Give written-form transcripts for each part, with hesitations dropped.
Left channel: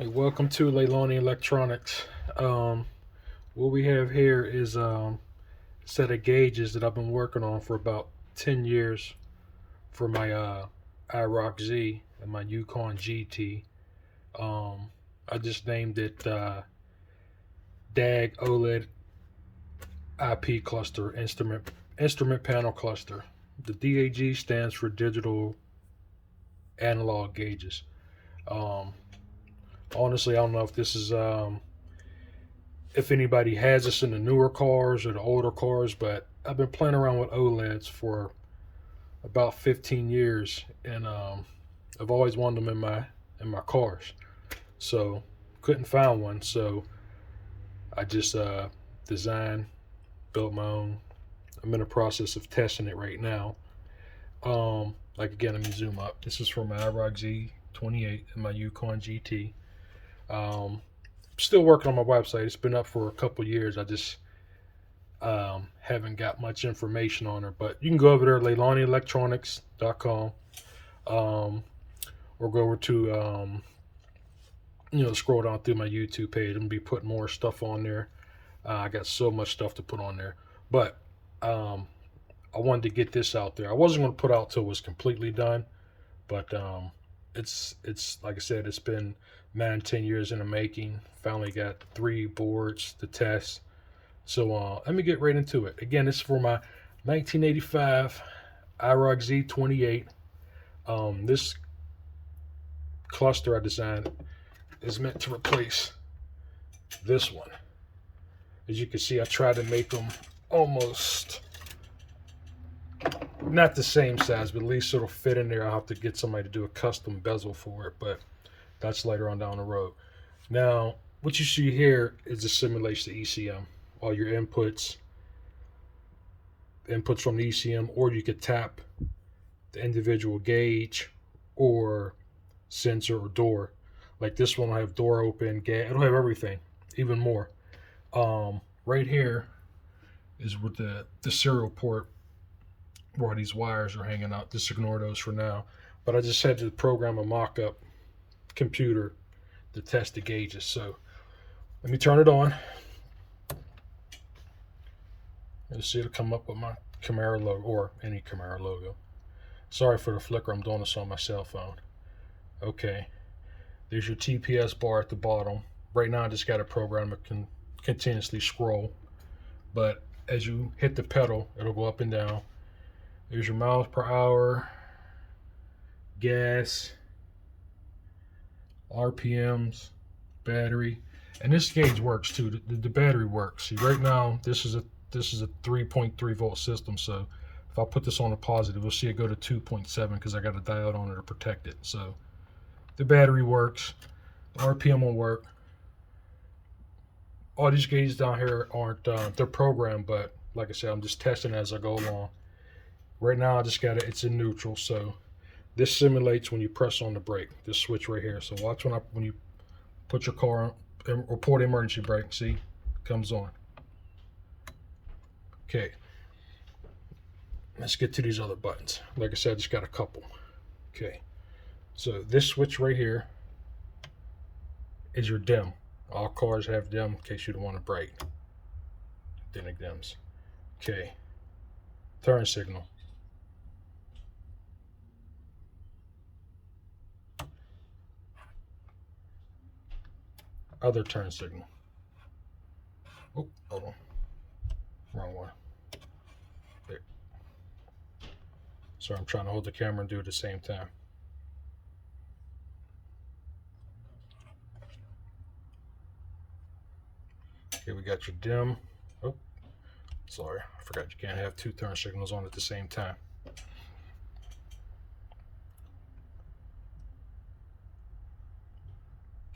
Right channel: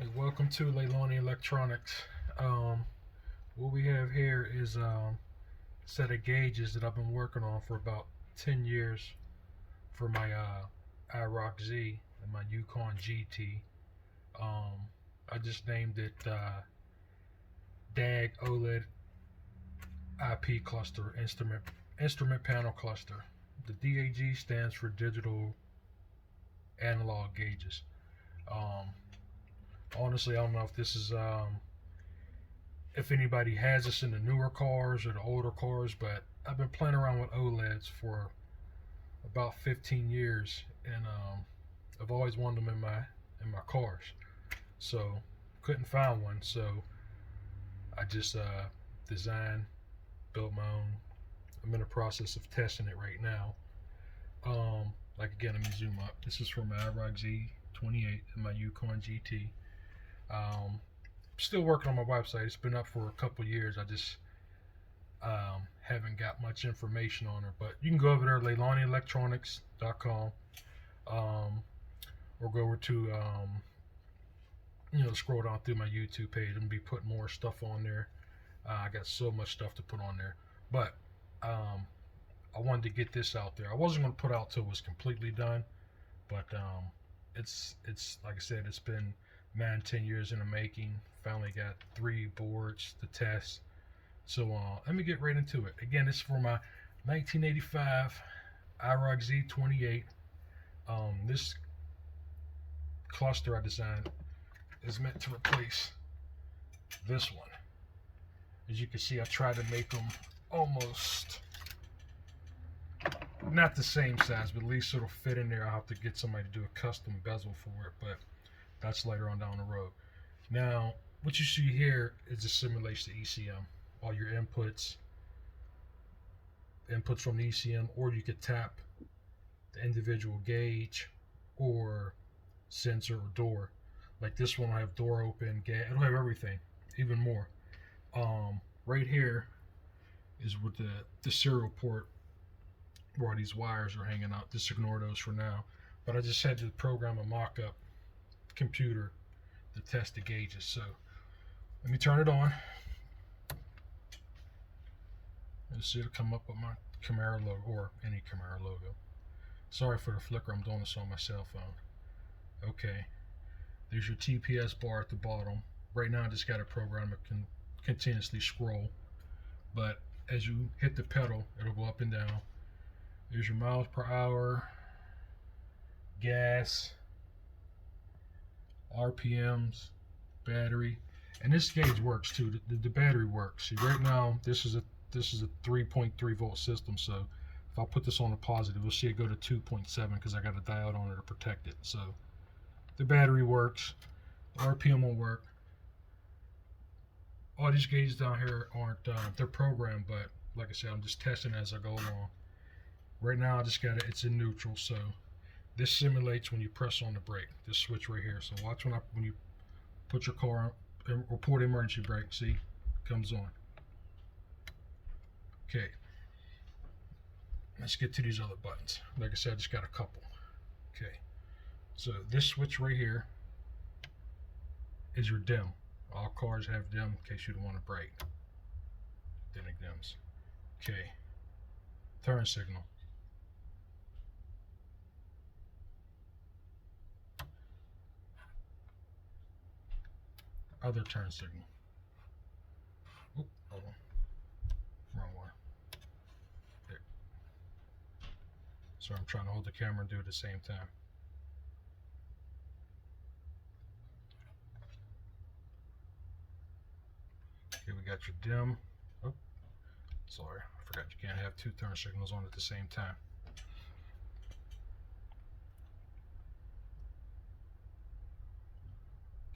Hey, welcome to Leilani Electronics. Um, what we have here is a set of gauges that I've been working on for about 10 years for my IROC-Z and my Yukon GT. I just named it DAG OLED IP cluster instrument panel cluster. The DAG stands for digital analog gauges. Um, Honestly, I don't know if this is if anybody has this in the newer cars or the older cars, but I've been playing around with OLEDs for about 15 years, and I've always wanted them in my cars. So couldn't find one, so I just designed, built my own. I'm in the process of testing it right now. Like again, let me zoom up. This is from my IROC-Z 28 and my Yukon GT. Still working on my website. It's been up for a couple years. I just haven't got much information on her, but you can go over there, LeilaniElectronics.com, or go over to scroll down through my YouTube page. I'm gonna be putting more stuff on there. I got so much stuff to put on there, but um, I wanted to get this out there. I wasn't gonna put out till it was completely done, but it's like I said, it's been 9-10 years in the making. Finally got 3 boards to test. So let me get right into it. Again, this is for my 1985 IROC-Z 28. This cluster I designed is meant to replace this one. As you can see, I tried to make them almost not the same size, but at least it'll fit in there. I'll have to get somebody to do a custom bezel for it, but that's later on down the road. Now, what you see here is a simulation of ECM. All your inputs from the ECM, or you could tap the individual gauge or sensor or door. Like this one will have door open, it'll have everything, even more. Right here is with the serial port where these wires are hanging out. Just ignore those for now. But I just had to program a mock-up computer to test the gauges. So let me turn it on. You'll see it'll come up with my Camaro logo, or any Camaro logo. Sorry for the flicker, I'm doing this on my cell phone. Okay, there's your TPS bar at the bottom. Right now I just got a program that can continuously scroll, but as you hit the pedal, it'll go up and down. There's your miles per hour, gas, RPMs, battery, and this gauge works too. The battery works. See, right now this is a 3.3 volt system, so if I put this on a positive, you'll see it go to 2.7 because I got a diode on it to protect it. So the battery works, the RPM will work. All these gauges down here aren't they're programmed, but like I said, I'm just testing as I go along. Right now I just got it's in neutral, so this simulates when you press on the brake, this switch right here. So watch when you put your car on or pull the emergency brake, see, it comes on. Okay, let's get to these other buttons. Like I said, I just got a couple. Okay, so this switch right here is your dim. All cars have dim in case you don't want to brake. Then it dims. Okay, turn signal. Other turn signal. Oh, hold on. Wrong one. There. So I'm trying to hold the camera and do it at the same time. Okay, we got your dim. Oh, sorry, I forgot you can't have 2 turn signals on at the same time.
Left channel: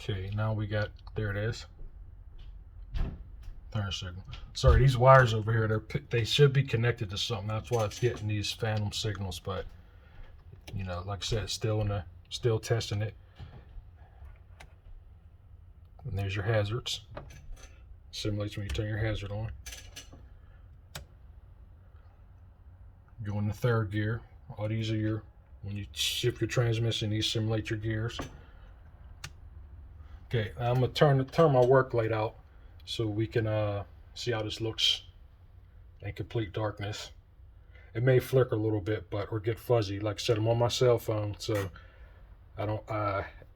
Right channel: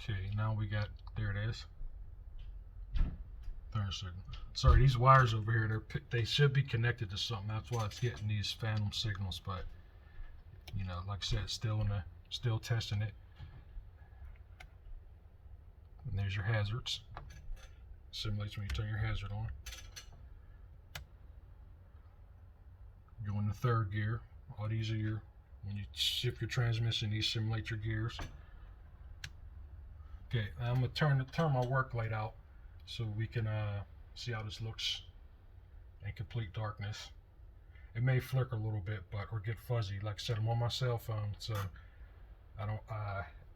Okay, now we got, there it is. Turn signal. Sorry, these wires over here, they should be connected to something. That's why it's getting these phantom signals, but you know, like I said, still testing it. And there's your hazards. Simulates when you turn your hazard on. Go in the 3rd gear. All these are your, when you shift your transmission, these simulate your gears. Okay, I'm gonna turn my work light out so we can see how this looks in complete darkness. It may flicker a little bit, but or get fuzzy. Like I said, I'm on my cell phone, so I don't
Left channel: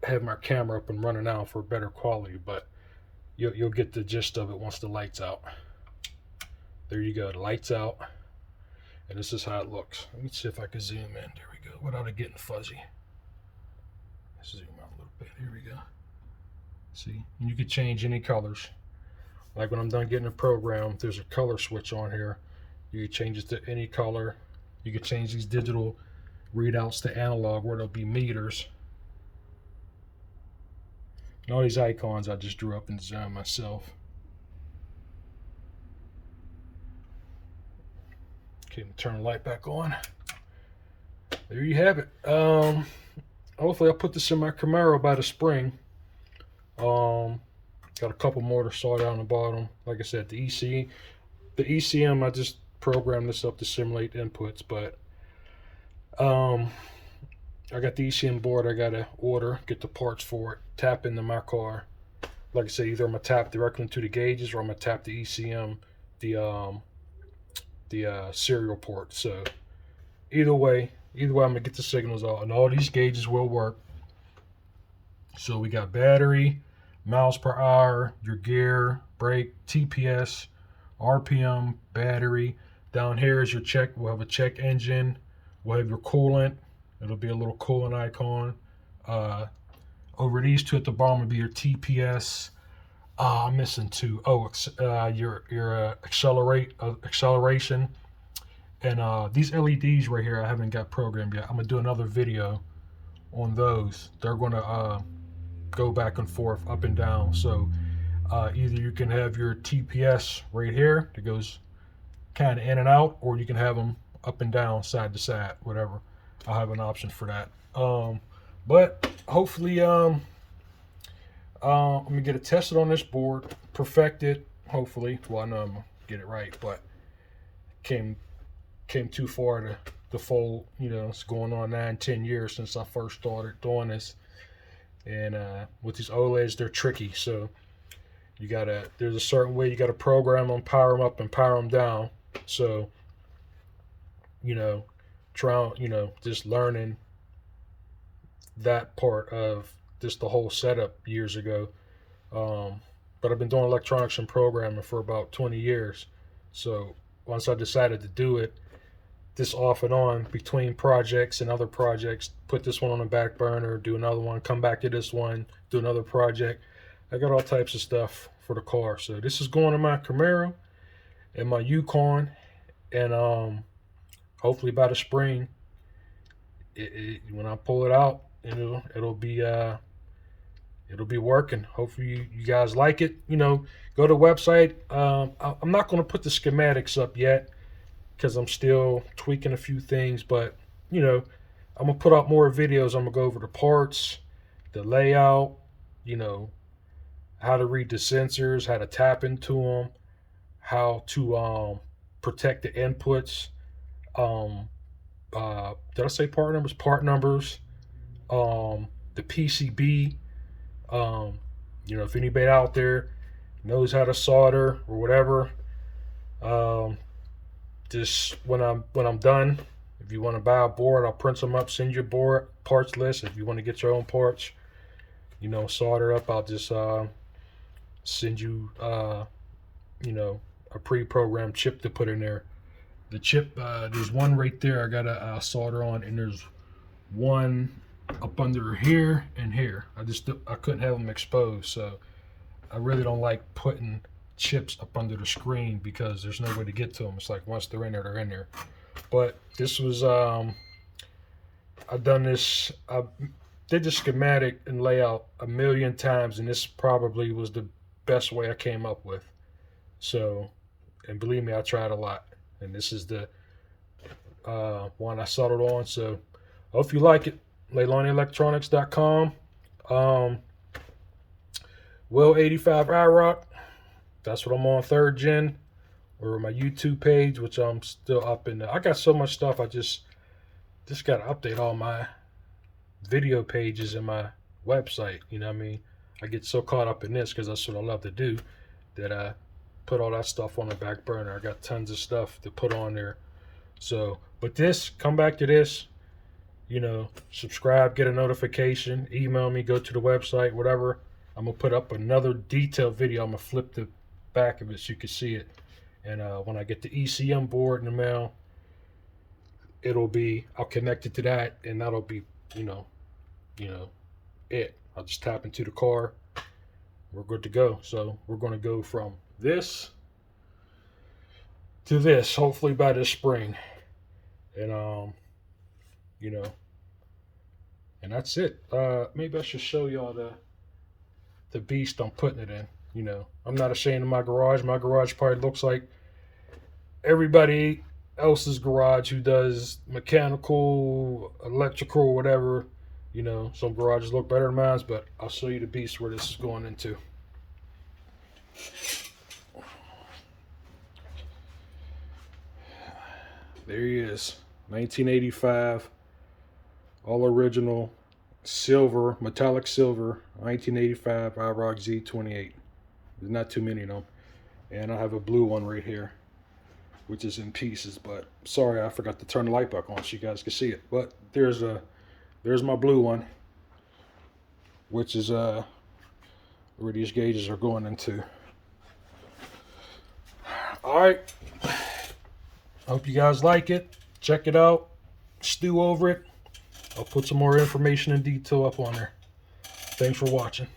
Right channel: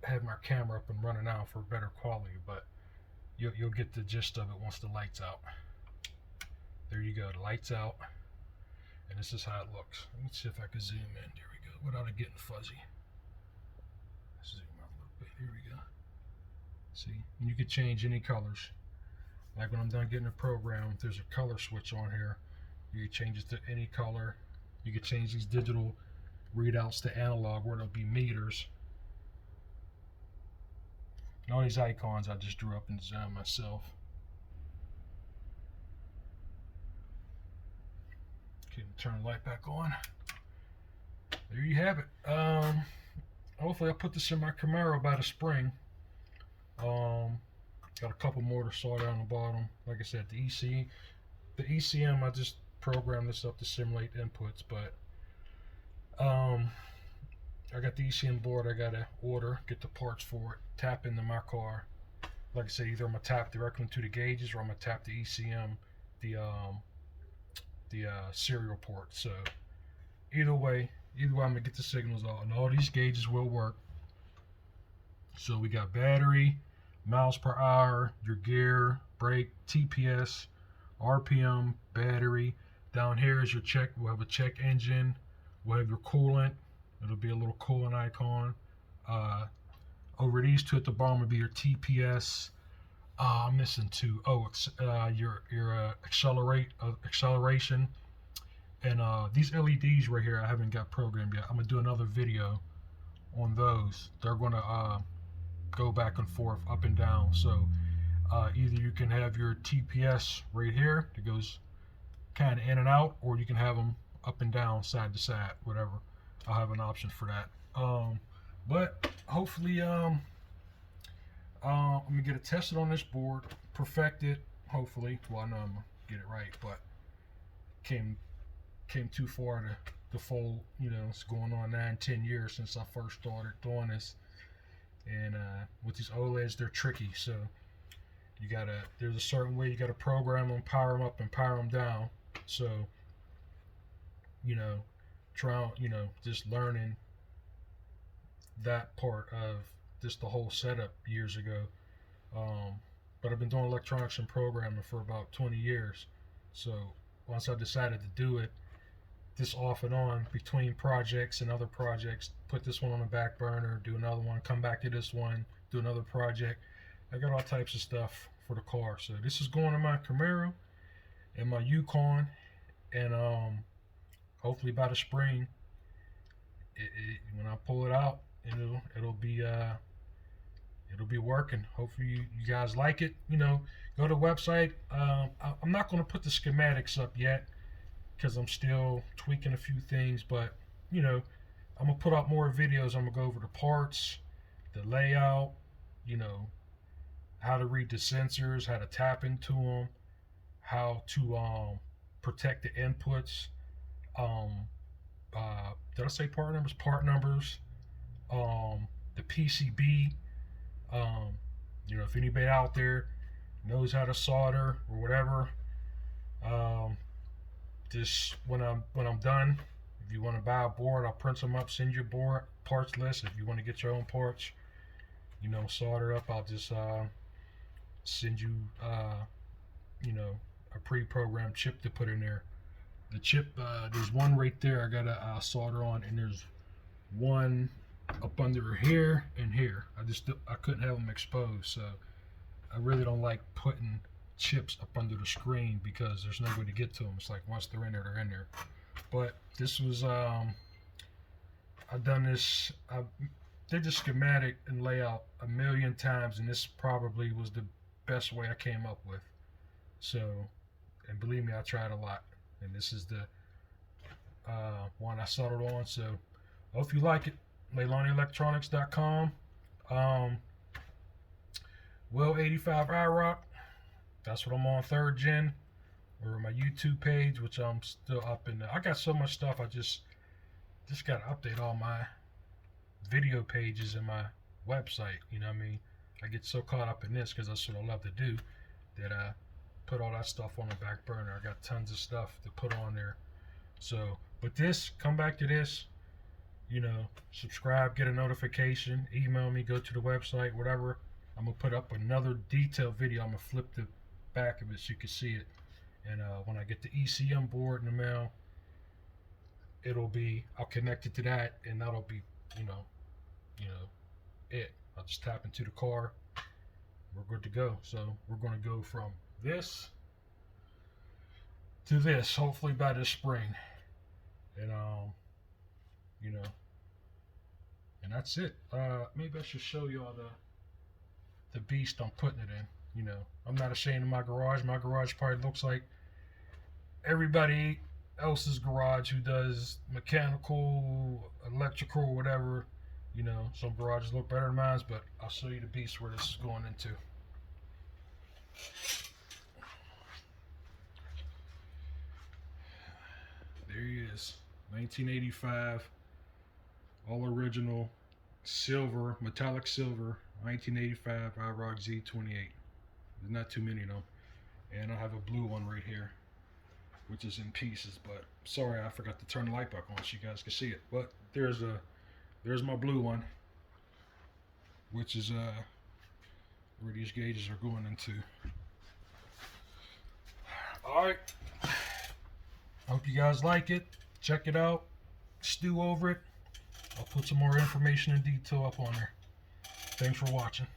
have my camera up and running now for better quality. But you'll get the gist of it once the light's out. There you go, the light's out, and this is how it looks. Let me see if I can zoom in. There we go, without it getting fuzzy. Let's zoom out a little bit. Here we go. See, and you can change any colors. Like when I'm done getting the program, there's a color switch on here. You can change it to any color. You can change these digital readouts to analog where there'll be meters. And all these icons I just drew up in design myself. Okay, turn the light back on. There you have it. Hopefully I'll put this in my Camaro by the spring. Got a couple more to solder on the bottom. Like I said, the ECM, I just programmed this up to simulate inputs, but I got the ECM board I gotta order, get the parts for it, tap into my car. Like I said, either I'm gonna tap directly into the gauges or I'm gonna tap the ECM, the serial port. So either way I'm gonna get the signals out, and all these gauges will work. So we got battery, miles per hour, your gear, brake, TPS, RPM, battery. Down here is your check. We'll have a check engine. We'll have your coolant. It'll be a little coolant icon. Over these two at the bottom will be your TPS. I'm missing two. Oh, your acceleration. And these LEDs right here, I haven't got programmed yet. I'm gonna do another video on those. They're gonna go back and forth, up and down. So either you can have your TPS right here that goes kind of in and out, or you can have them up and down, side to side, whatever. I'll have an option for that. But hopefully I'm gonna get it tested on this board, perfect it, hopefully. Well, I know I'm gonna get it right, but came too far to fold. You know, it's going on 9-10 years since I first started doing this. And with these OLEDs, they're tricky. So there's a certain way you gotta program them, power them up and power them down. So, just learning that part of just the whole setup years ago. But I've been doing electronics and programming for about 20 years. So once I decided to do it, this off and on between projects and other projects, put this one on the back burner, do another one, come back to this one, do another project. I got all types of stuff for the car. So this is going in my Camaro and my Yukon, and hopefully by the spring, when I pull it out, it'll be working. Hopefully you guys like it. Go to the website. I'm not going to put the schematics up yet because I'm still tweaking a few things, but I'm gonna put out more videos. I'm gonna go over the parts, the layout, how to read the sensors, how to tap into them, how to protect the inputs. Did I say part numbers? Part numbers. The PCB. If anybody out there knows how to solder or whatever, just when I'm done, if you want to buy a board, I'll print them up, send you a board parts list. If you want to get your own parts, solder up, I'll just send you a pre-programmed chip to put in there. The chip, there's one right there I gotta solder on, and there's one up under here and here. I couldn't have them exposed, so I really don't like putting chips up under the screen because there's no way to get to them. It's like once they're in there, they're in there. But this was I did the schematic and layout a million times, and this probably was the best way I came up with. So, and believe me, I tried a lot, and this is the one I settled on. So hope you like it. LeilaniElectronics.com. Will 85 IROC. That's what I'm on, 3rd gen, or my YouTube page, which I'm still up in. I got so much stuff. I just got to update all my video pages in my website. I get so caught up in this because that's what I love to do that I put all that stuff on the back burner. I got tons of stuff to put on there. So, but this, come back to this, you know, subscribe, get a notification, email me, go to the website, whatever. I'm going to put up another detailed video. I'm going to flip the back of it so you can see it. And when I get the ECM board in the mail, I'll connect it to that, and that'll be, you know, it. I'll just tap into the car. We're good to go. So we're going to go from this to this, hopefully by this spring. And, you know, and that's it. Maybe I should show y'all the beast I'm putting it in. You know, I'm not ashamed of my garage. My garage probably looks like everybody else's garage who does mechanical, electrical, whatever. You know, some garages look better than mine, but I'll show you the beast where this is going into. There he is, 1985, all original, silver, metallic silver, 1985 IROC-Z 28. There's not too many of them. And I have a blue one right here, which is in pieces, but sorry, I forgot to turn the light back on so you guys can see it. But there's my blue one, which is where these gauges are going into. All right. Hope you guys like it. Check it out. Stew over it. I'll put some more information and detail up on there. Thanks for watching.